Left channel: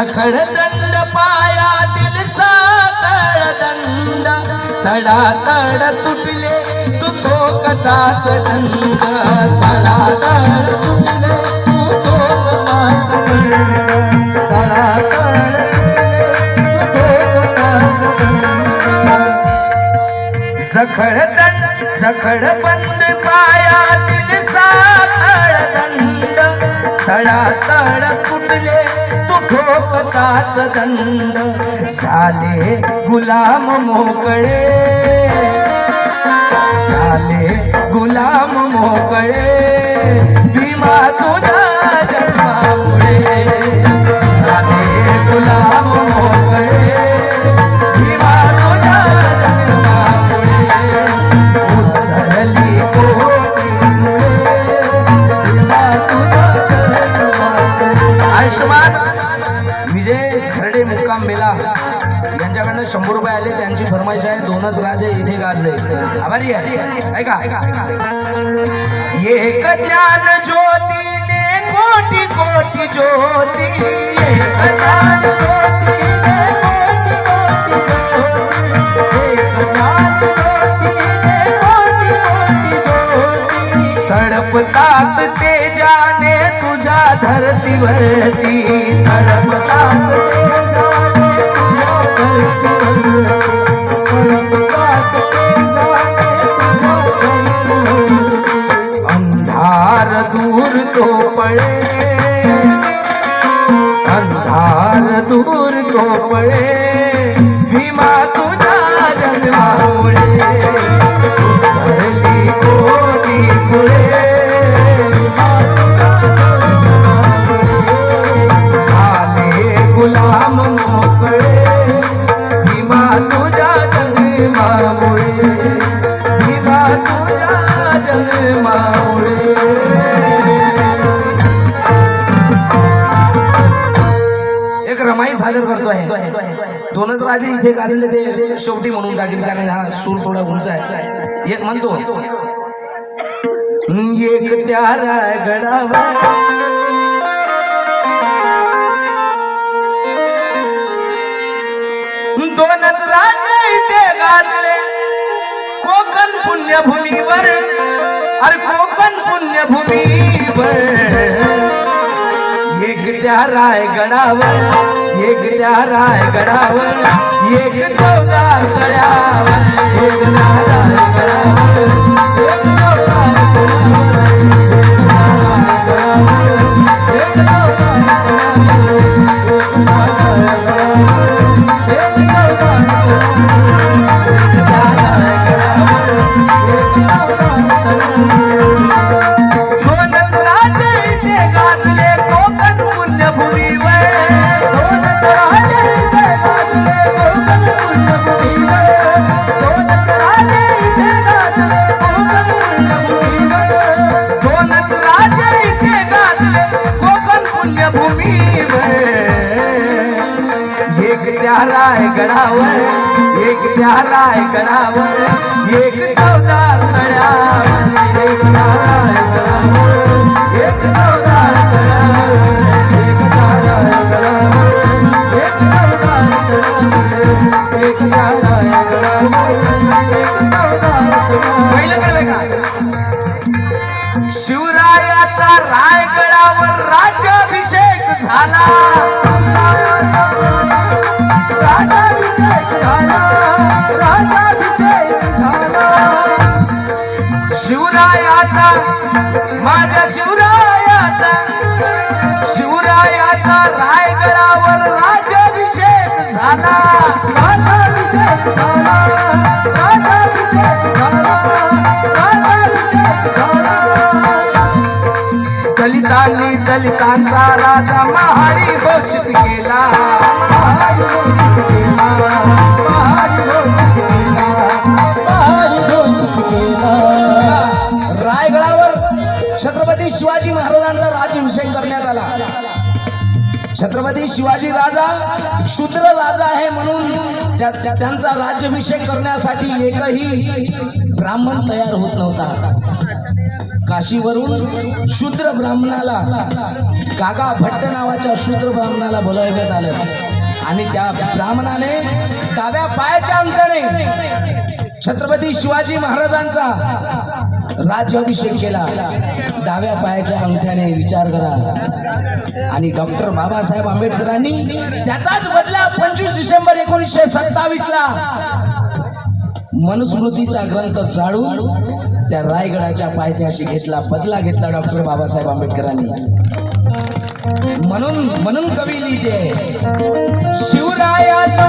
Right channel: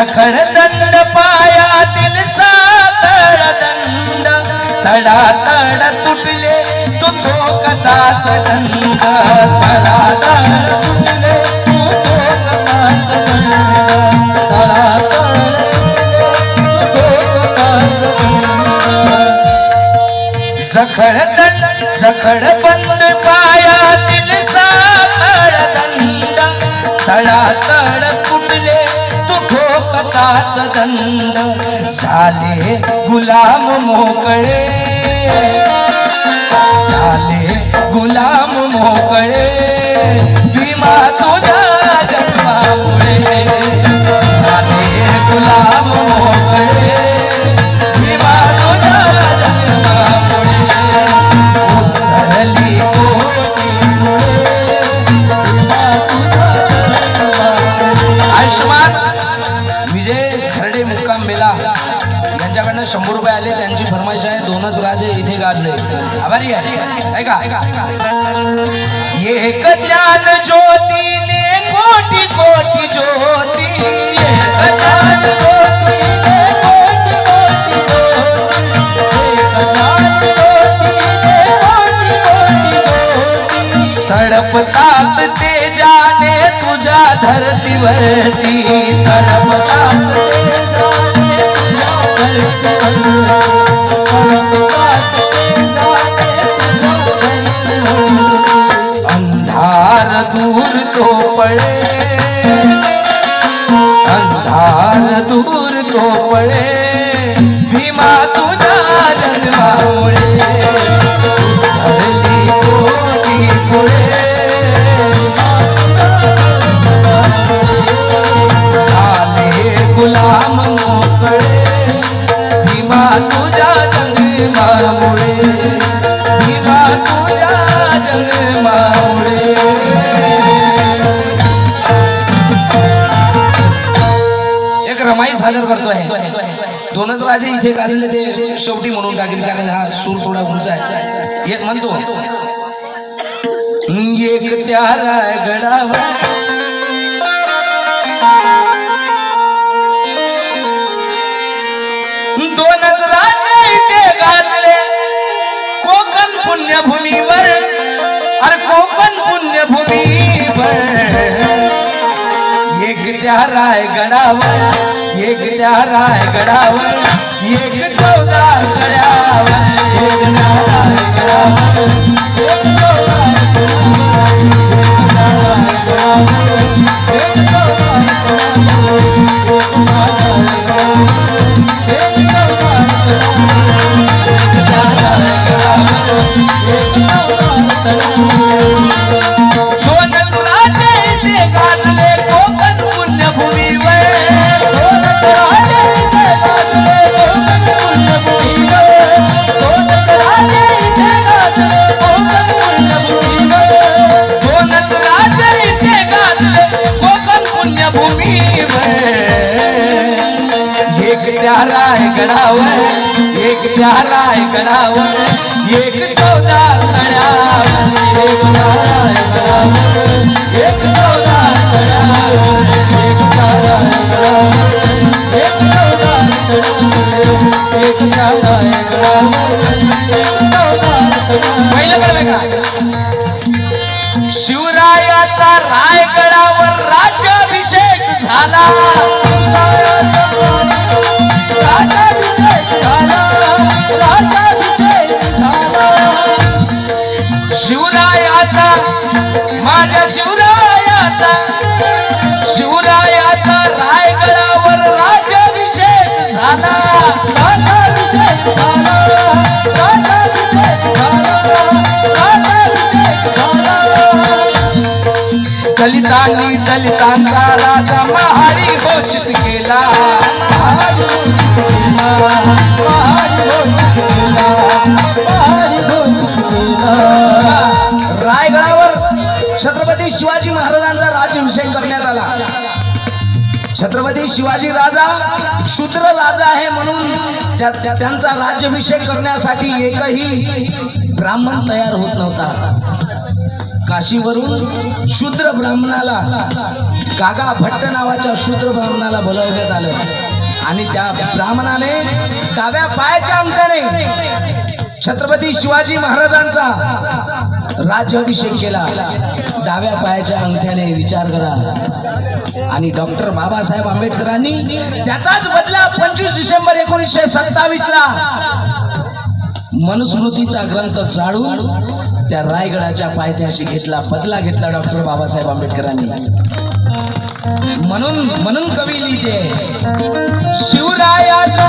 सखर दंड पायातील सातर दंड. तडा तड तुटले तू थोकताच दंड तडा तड तुटले तू थोकताच दंड तडा तड जखड दंड जखड बंद पायातील सातर दंड. तळा तळ तुटले तू ठोकताच दंड साले गुलाम मोकळे. साले गुलाम मोकळे. भीमा तुझा यांच्याकडनं शंभर रुपये आले त्यांची फरमाईश आहे दोनच राजे इथे गाजले. आभारी आहे. ऐका एक ज्ञान ज्योतीने कोटी कोटी ज्योती. तडपतात ते जाने तुझ्या धरतीवरती. तडपतात धरतीवरती दोनच राजे इथे गाजले ते शेवटी म्हणून टाकेल कारण हा सूर थोडा उंच आहे. येत म्हणतो. एक त्या रायगडावर दोनच राजे इथे गाजले. कोकण पुण्यभूमीवर अरे कोकण पुण्यभूमीवर. एक त्या रायगडावर एक त्या रायगडावर एक चौदा एक त्या रायगडावर एक त्या रायगडावर एक चौदा एक त्या एक चौदा एक एक चौदा एक एक चौदा शिवरायाचा रायगडावर राज्याभिषेक झाला. शिवरायाचा माझ्या शिवरायाचा शिवरायाचा रायगडावर राज्याभिषेक झाला. राज्याभिषेक झाला. राज्याभिषेक झाला. दलितांनी दलितांचा राजा छत्रपती शिवाजी राजा शूद्र राजा आहे म्हणून त्या- त्यांचा राज्याभिषेक करण्यासाठी एकही ब्राह्मण तयार होत नव्हता. काशीवरून शूद्र ब्राह्मणाला कागा भट्ट नावाच्या शूद्र ब्राह्मणाला बोलवण्यात आलं. आणि त्या ब्राह्मणाने डाव्या पायाच्या अंकाने छत्रपती शिवाजी महाराजांचा राज्याभिषेक केला. डाव्या पायाच्या अंगठ्याने विचार करा. आणि डॉक्टर बाबासाहेब आंबेडकरांनी त्याचाच बदला पंचवीस डिसेंबर एकोणीसशे सत्तावीस ला मनुस्मृतीचा ग्रंथ जाळून त्या रायगडाच्या पायथ्याशी घेतला बदला घेतला डॉक्टर बाबासाहेब आंबेडकरांनी. म्हणून म्हणून कवी लिहिते शिवरायाचा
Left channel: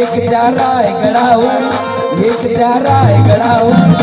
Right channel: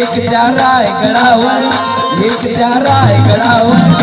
एक त्या रायगडावर एक त्या रायगडावर